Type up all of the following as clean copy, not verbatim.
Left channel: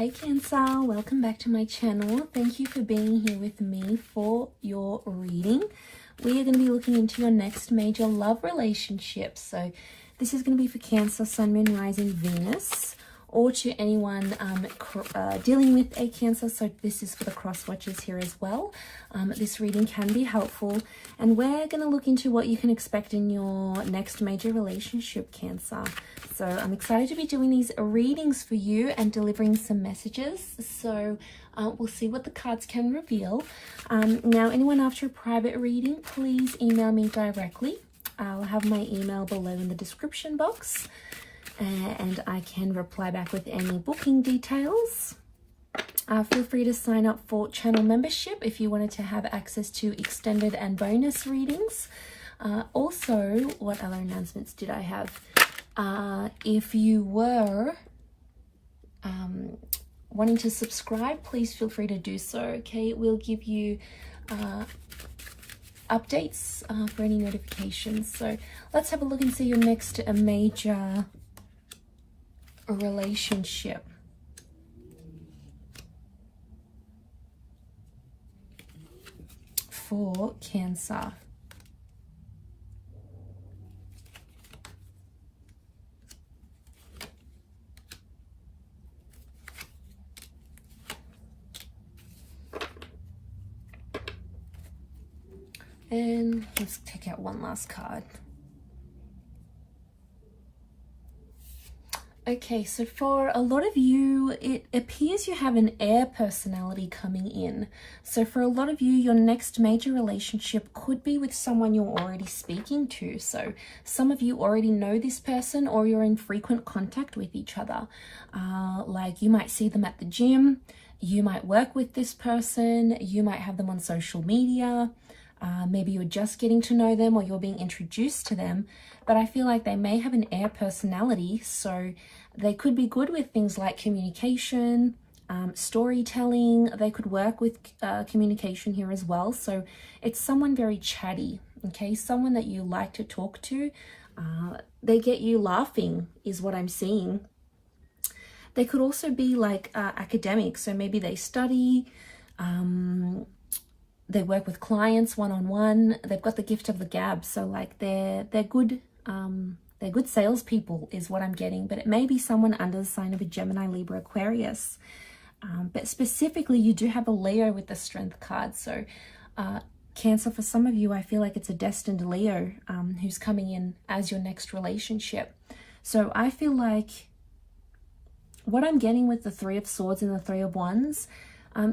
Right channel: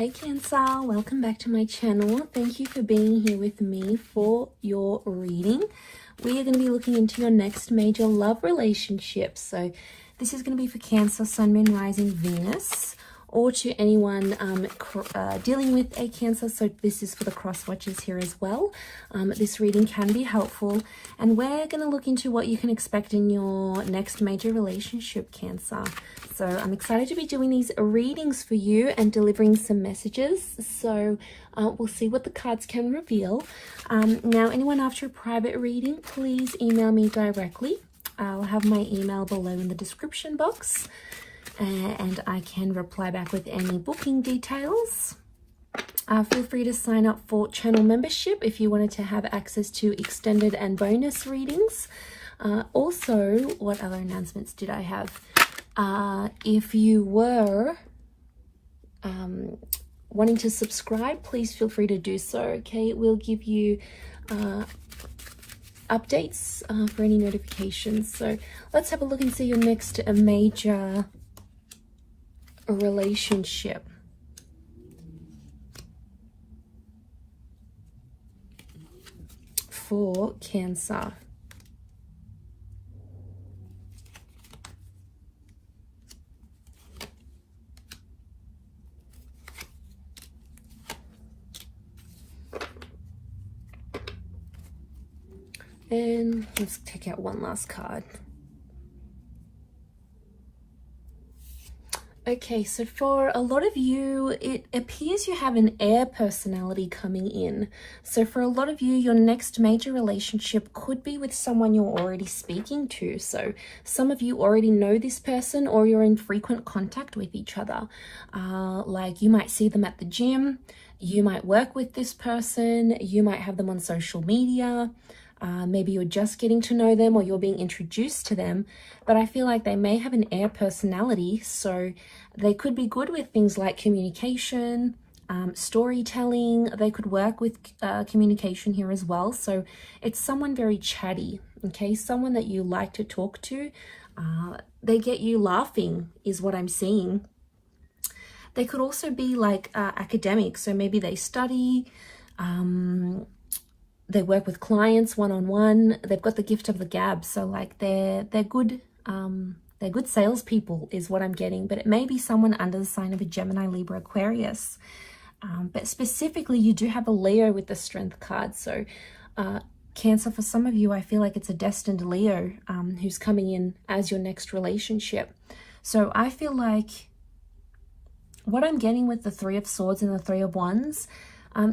Hey Cancer, welcome back to my channel. Thank you for being here with me for your reading. We are going to be looking into your next major love relationship. So this is going to be for Cancer, Sun, Moon, Rising, Venus, or to anyone dealing with a Cancer. So this is for the cross watchers here as well. This reading can be helpful, and we're going to look into what you can expect in your next major relationship, Cancer. So I'm excited to be doing these readings for you and delivering some messages. So we'll see what the cards can reveal. Now, anyone after a private reading, please email me directly. I'll have my email below in the description box, and I can reply back with any booking details. Feel free to sign up for channel membership if you wanted to have access to extended and bonus readings. Also, what other announcements did I have? If you were wanting to subscribe, please feel free to do so. Okay, it will give you updates for any notifications. So let's have a look and see your next major relationship. For Cancer. And let's take out one last card. Okay, so for a lot of you, it appears you have an air personality coming in. So for a lot of you, your next major relationship could be with someone you're already speaking to. So some of you already know this person, or you're in frequent contact with each other. Like you might see them at the gym, you might work with this person, you might have them on social media. Maybe you're just getting to know them, or you're being introduced to them, but I feel like they may have an air personality, so they could be good with things like communication, storytelling. They could work with communication here as well. So it's someone very chatty, okay? Someone that you like to talk to. They get you laughing is what I'm seeing. They could also be like academics, so maybe they study, they work with clients one-on-one. They've got the gift of the gab, so like they're good salespeople is what I'm getting. But it may be someone under the sign of a Gemini, Libra, Aquarius. But specifically, you do have a Leo with the Strength card. So Cancer, for some of you, I feel like it's a destined Leo who's coming in as your next relationship. So I feel like what I'm getting with the Three of Swords and the Three of Wands,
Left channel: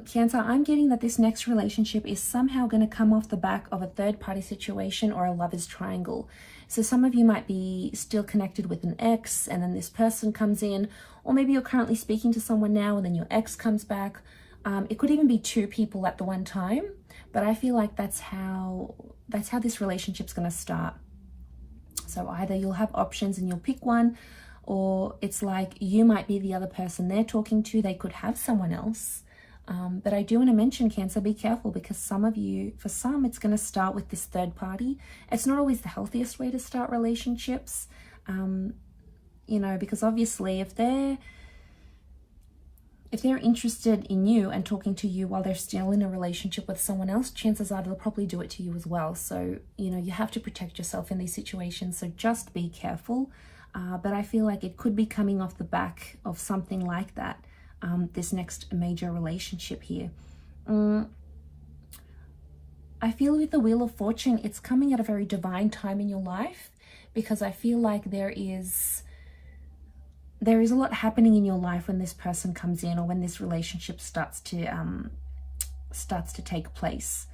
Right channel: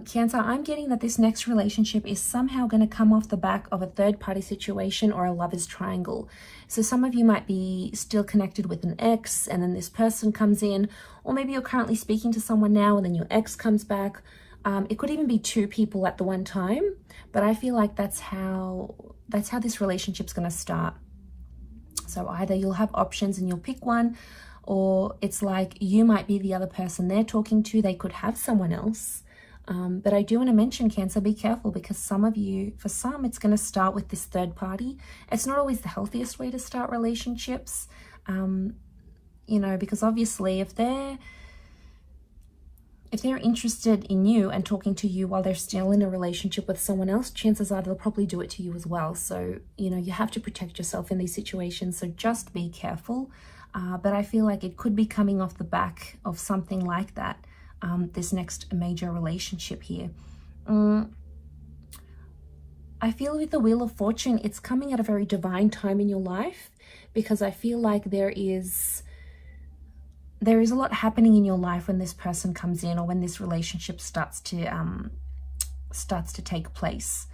Cancer, I'm getting that this next relationship is somehow going to come off the back of a third-party situation or a lover's triangle. So some of you might be still connected with an ex, and then this person comes in, or maybe you're currently speaking to someone now and then your ex comes back. It could even be two people at the one time, but I feel like that's how this relationship's going to start. So either you'll have options and you'll pick one, or it's like you might be the other person they're talking to. They could have someone else. But I do want to mention, Cancer, be careful, because some of you, for some, it's going to start with this third party. It's not always the healthiest way to start relationships, you know, because obviously if they're interested in you and talking to you while they're still in a relationship with someone else, chances are they'll probably do it to you as well. So, you know, you have to protect yourself in these situations. So just be careful. But I feel like it could be coming off the back of something like that. This next major relationship here. I feel with the Wheel of Fortune, it's coming at a very divine time in your life, because I feel like there is a lot happening in your life when this person comes in, or when this relationship starts to take place.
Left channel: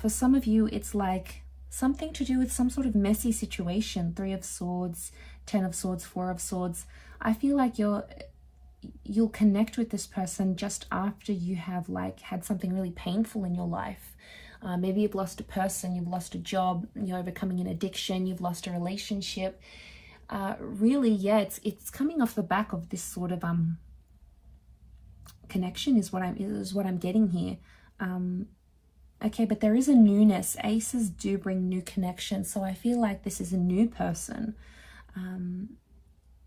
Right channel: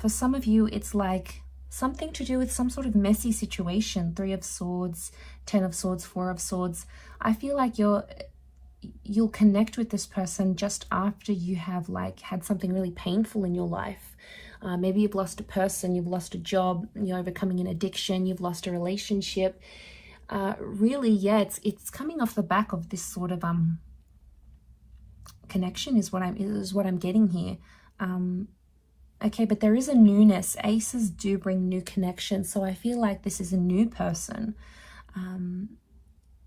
For some of you, it's like something to do with some sort of messy situation. Three of Swords, Ten of Swords, Four of Swords. I feel like you'll connect with this person just after you have like had something really painful in your life. Maybe you've lost a person, you've lost a job, you're overcoming an addiction, you've lost a relationship. Really, yeah, it's coming off the back of this sort of connection is what I'm getting here. Okay, but there is a newness. Aces do bring new connection, so I feel like this is a new person.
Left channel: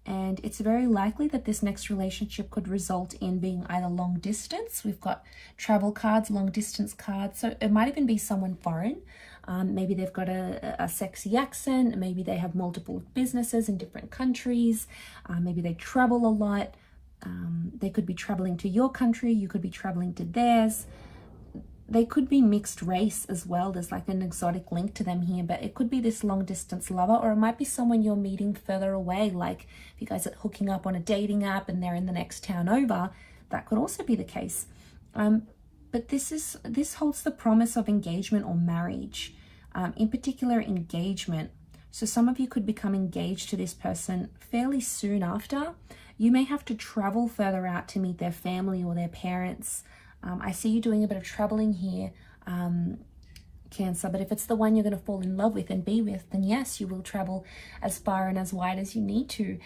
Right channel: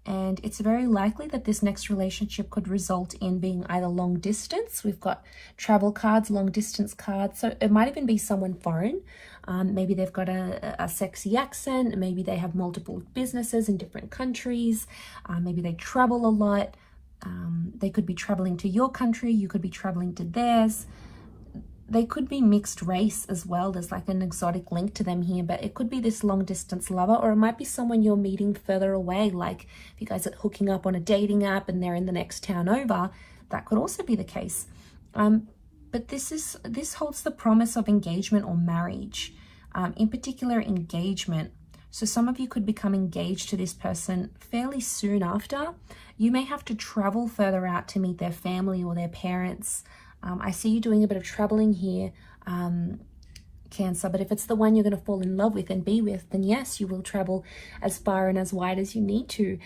And it's very likely that this next relationship could result in being either long distance. We've got travel cards, long distance cards. So it might even be someone foreign. Maybe they've got a sexy accent. Maybe they have multiple businesses in different countries. Maybe they travel a lot. They could be traveling to your country. You could be traveling to theirs. They could be mixed race as well. There's like an exotic link to them here, but it could be this long distance lover, or it might be someone you're meeting further away. Like if you guys are hooking up on a dating app and they're in the next town over, that could also be the case. But this holds the promise of engagement or marriage, in particular engagement. So some of you could become engaged to this person fairly soon after. You may have to travel further out to meet their family or their parents. I see you doing a bit of traveling here, Cancer, but if it's the one you're going to fall in love with and be with, then yes, you will travel as far and as wide as you need to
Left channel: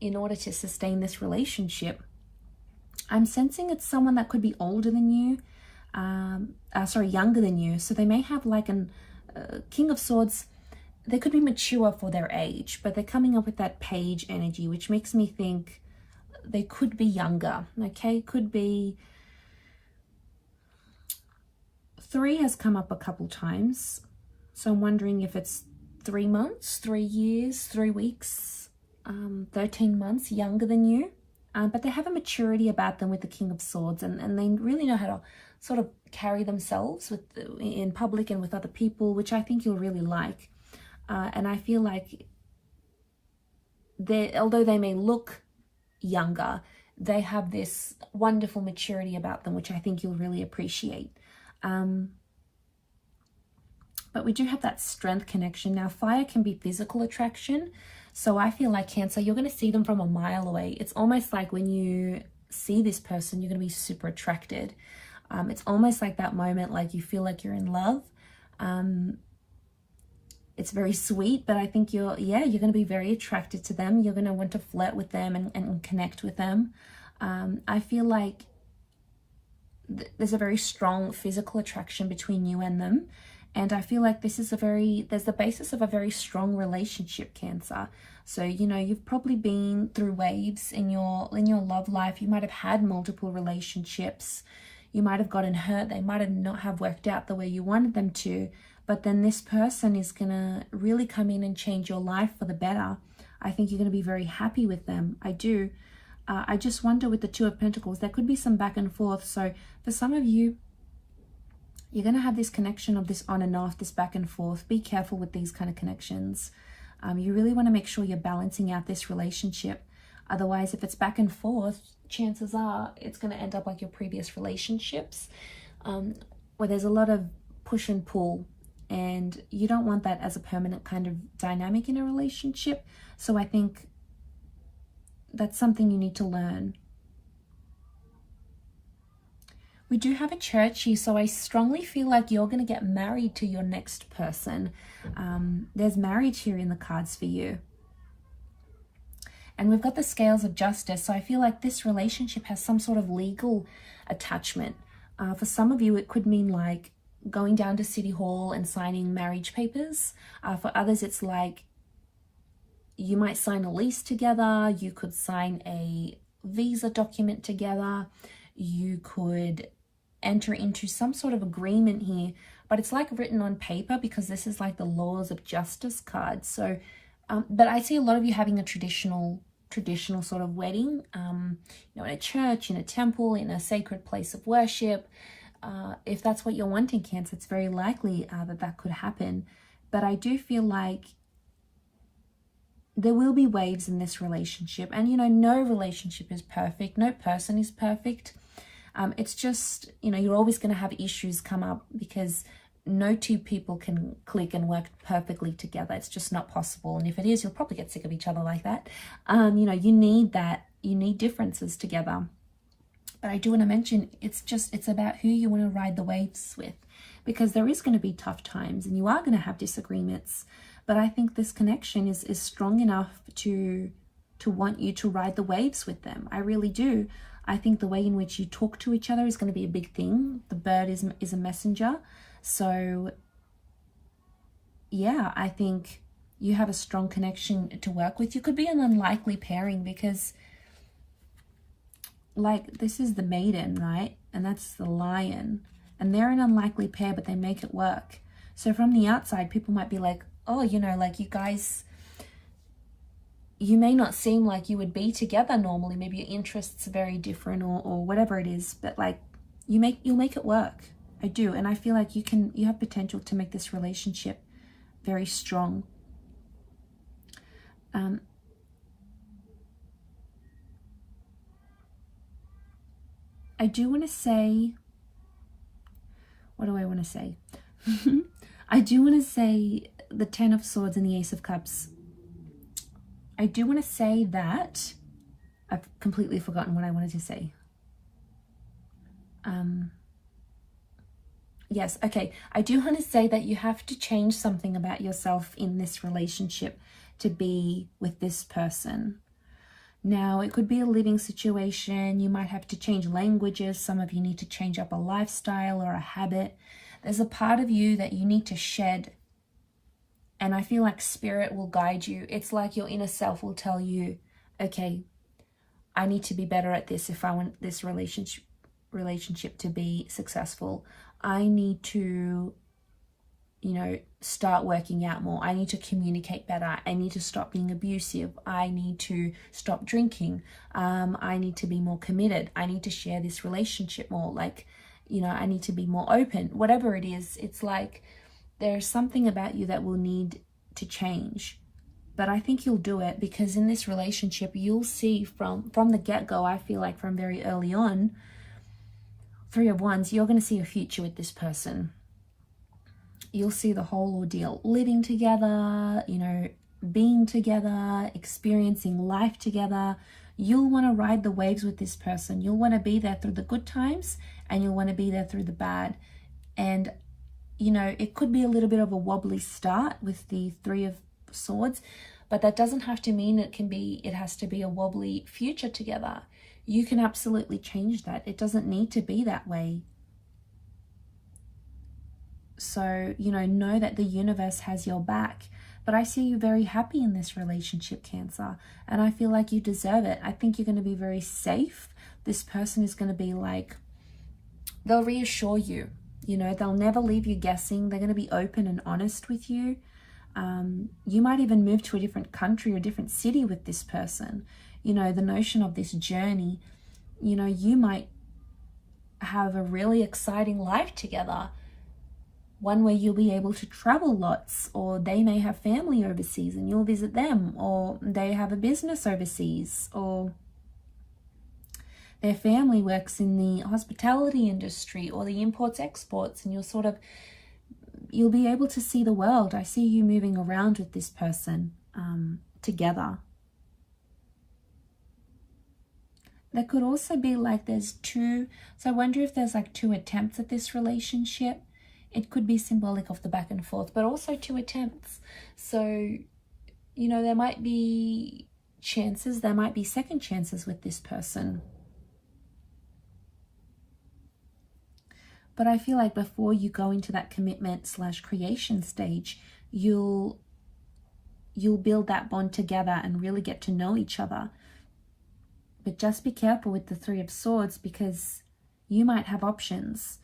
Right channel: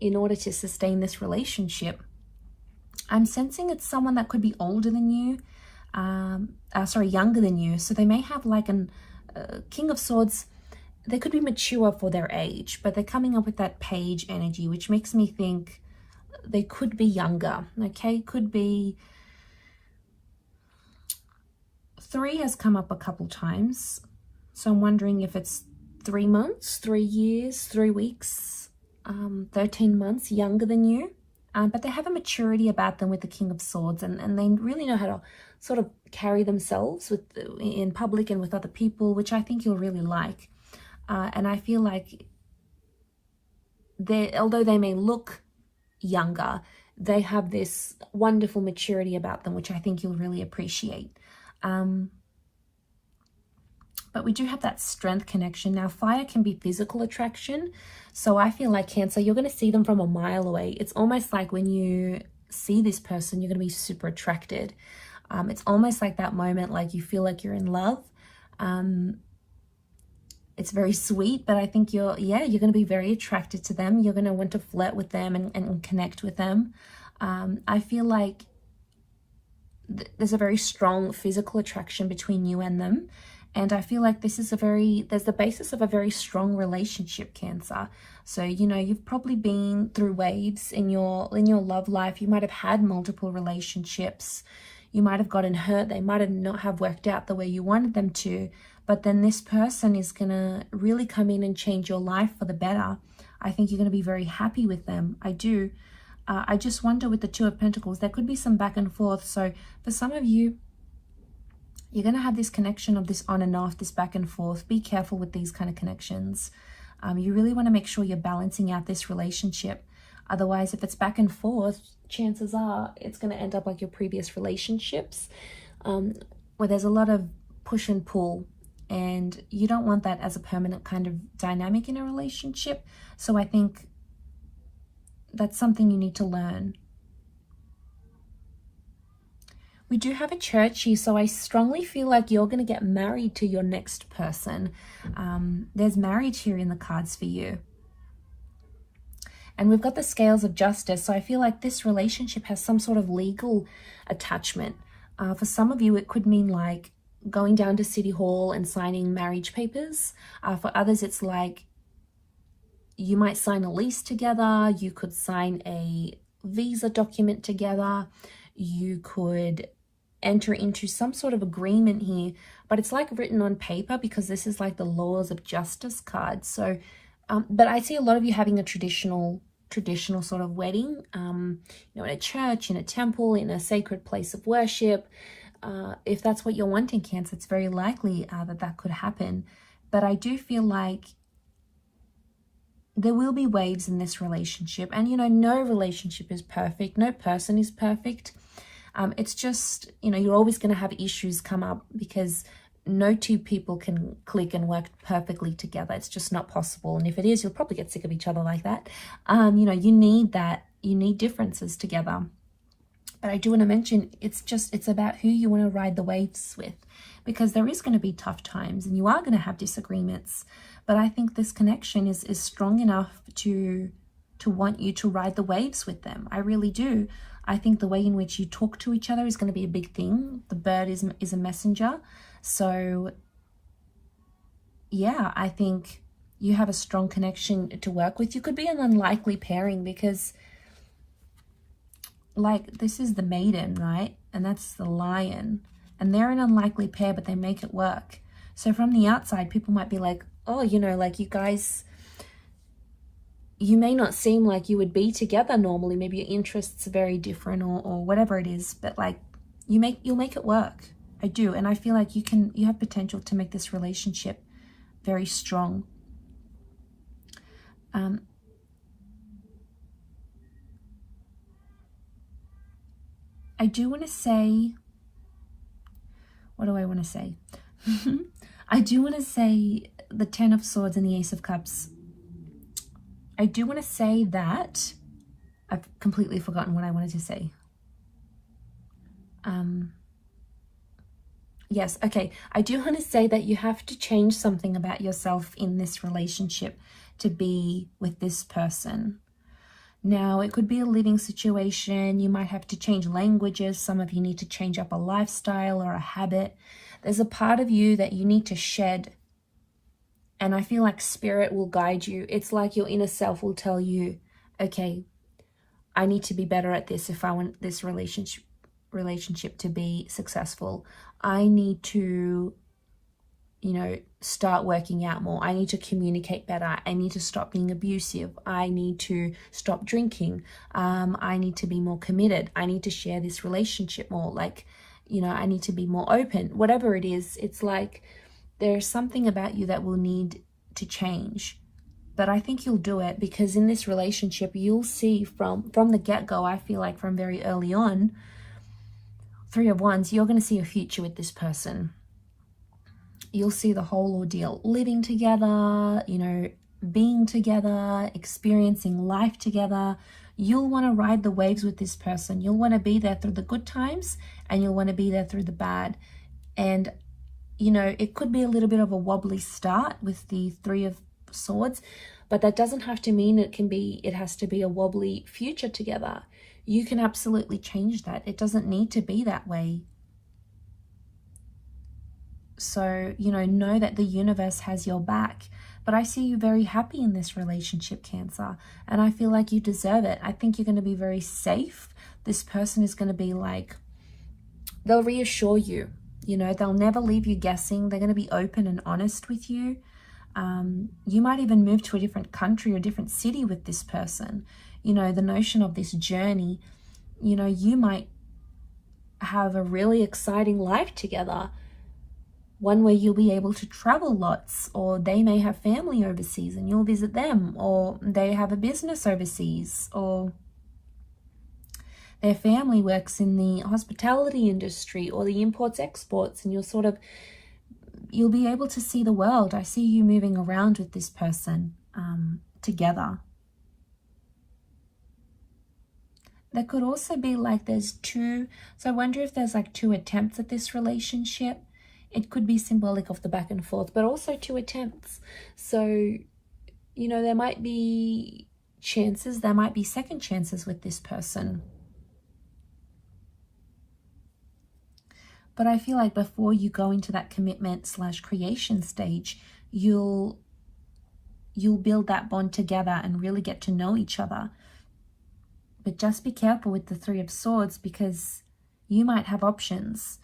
in order to sustain this relationship. I'm sensing it's someone that could be older than you, younger than you. So they may have like an King of Swords. They could be mature for their age, but they're coming up with that page energy, which makes me think they could be younger, okay? Could be... 3 has come up a couple times, so I'm wondering if it's 3 months, 3 years, 3 weeks, 13 months younger than you. But they have a maturity about them with the King of Swords, and they really know how to sort of carry themselves in public and with other people, which I think you'll really like. And I feel like although they may look younger, they have this wonderful maturity about them, which I think you'll really appreciate. But we do have that strength connection. Now, fire can be physical attraction. So I feel like Cancer, you're going to see them from a mile away. It's almost like when you see this person, you're going to be super attracted. It's almost like that moment, like you feel like you're in love. It's very sweet, but I think you're going to be very attracted to them. You're going to want to flirt with them and connect with them. I feel like there's a very strong physical attraction between you and them. And I feel like there's the basis of a very strong relationship, Cancer. So, you've probably been through waves in your love life. You might have had multiple relationships. You might have gotten hurt. They might have not have worked out the way you wanted them to. But then this person is going to really come in and change your life for the better. I think you're going to be very happy with them. I do. I just wonder with the Two of Pentacles, there could be some back and forth. So for some of you, you're going to have this connection of this on and off, this back and forth. Be careful with these kind of connections. You really want to make sure you're balancing out this relationship. Otherwise, if it's back and forth, chances are it's going to end up like your previous relationships, where there's a lot of push and pull. And you don't want that as a permanent kind of dynamic in a relationship. So I think that's something you need to learn. We do have a church here, so I strongly feel like you're going to get married to your next person. There's marriage here in the cards for you. And we've got the scales of justice, so I feel like this relationship has some sort of legal attachment. For some of you, it could mean like going down to City Hall and signing marriage papers. For others, it's like you might sign a lease together. You could sign a visa document together. You could enter into some sort of agreement here, but it's like written on paper because this is like the laws of justice card. So, but I see a lot of you having a traditional sort of wedding, in a church, in a temple, in a sacred place of worship. If that's what you're wanting, Cancer, it's very likely that could happen. But I do feel like there will be waves in this relationship. And, no relationship is perfect. No person is perfect. It's just, you're always going to have issues come up because no two people can click and work perfectly together. It's just not possible. And if it is, you'll probably get sick of each other like that. You need that. You need differences together. But I do want to mention, it's about who you want to ride the waves with, because there is going to be tough times and you are going to have disagreements. But I think this connection is strong enough to want you to ride the waves with them. I really do. I think the way in which you talk to each other is going to be a big thing. The bird is a messenger. So yeah, I think you have a strong connection to work with. You could be an unlikely pairing because, like, this is the maiden, right? And that's the lion. And they're an unlikely pair, but they make it work. So from the outside, people might be like, oh, you know, like you guys, you may not seem like you would be together normally. Maybe your interests are very different or whatever it is, but like you'll make it work. I do. And I feel like you have potential to make this relationship very strong. I do want to say, what do I want to say? I do want to say the Ten of Swords and the Ace of Cups. I do want to say that I've completely forgotten what I wanted to say. Yes, okay. I do want to say that you have to change something about yourself in this relationship to be with this person. Now, it could be a living situation. You might have to change languages. Some of you need to change up a lifestyle or a habit. There's a part of you that you need to shed. And I feel like spirit will guide you. It's like your inner self will tell you, okay, I need to be better at this if I want this relationship to be successful. I need to, you know, start working out more. I need to communicate better. I need to stop being abusive. I need to stop drinking. I need to be more committed. I need to share this relationship more. Like, you know, I need to be more open. Whatever it is, it's like there's something about you that will need to change. But I think you'll do it, because in this relationship, you'll see from the get-go, I feel like from very early on, Three of Wands, you're going to see a future with this person. You'll see the whole ordeal, living together, you know, being together, experiencing life together. You'll want to ride the waves with this person. You'll want to be there through the good times, and you'll want to be there through the bad. And, you know, it could be a little bit of a wobbly start with the Three of Swords, but that doesn't have to mean it has to be a wobbly future together. You can absolutely change that. It doesn't need to be that way. So, you know that the universe has your back. But I see you very happy in this relationship, Cancer. And I feel like you deserve it. I think you're going to be very safe. This person is going to be like, they'll reassure you. You know, they'll never leave you guessing. They're going to be open and honest with you. You might even move to a different country or a different city with this person. You know, the notion of this journey, you know, you might have a really exciting life together. One where you'll be able to travel lots, or they may have family overseas and you'll visit them, or they have a business overseas, or their family works in the hospitality industry or the imports exports, and you'll be able to see the world. I see you moving around with this person together. There could also be like there's two, so I wonder if there's like two attempts at this relationship. It could be symbolic of the back and forth, but also two attempts. So, you know, there might be chances, there might be second chances with this person. But I feel like before you go into that commitment / creation stage, you'll build that bond together and really get to know each other. But just be careful with the Three of Swords, because you might have options.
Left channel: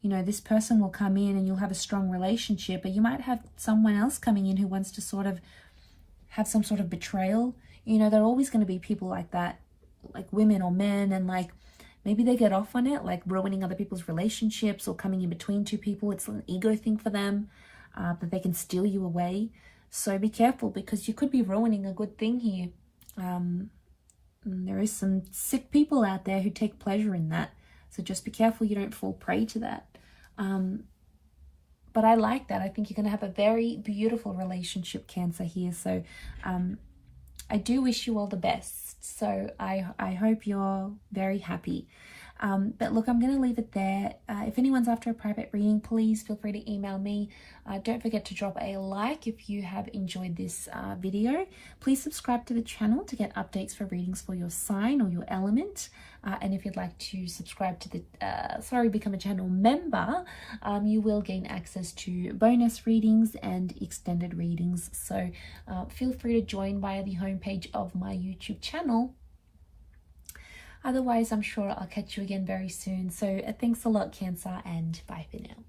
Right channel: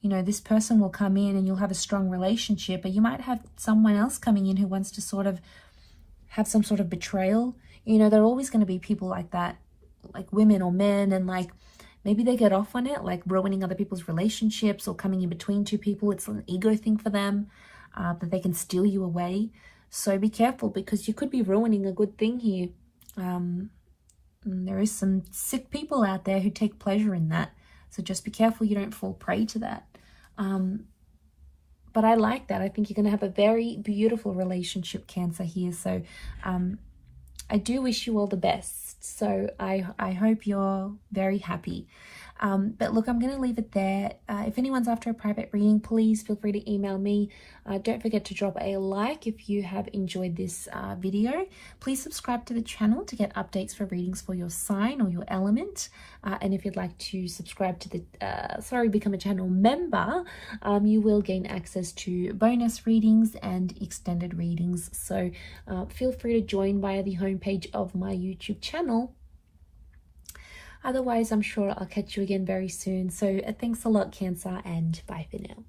You know, this person will come in and you'll have a strong relationship, but you might have someone else coming in who wants to sort of have some sort of betrayal. You know, there are always going to be people like that, like women or men, and like maybe they get off on it, like ruining other people's relationships or coming in between two people. It's an ego thing for them, that they can steal you away. So be careful, because you could be ruining a good thing here. There is some sick people out there who take pleasure in that. So just be careful you don't fall prey to that. But I like that. I think you're going to have a very beautiful relationship, Cancer, here. So I do wish you all the best. So I hope you're very happy. But look, I'm going to leave it there. If anyone's after a private reading, please feel free to email me. Don't forget to drop a like if you have enjoyed this video. Please subscribe to the channel to get updates for readings for your sign or your element. And if you'd like to subscribe to the, become a channel member, you will gain access to bonus readings and extended readings. So feel free to join via the homepage of my YouTube channel. Otherwise, I'm sure I'll catch you again very soon. So thanks a lot, Cancer, and bye for now.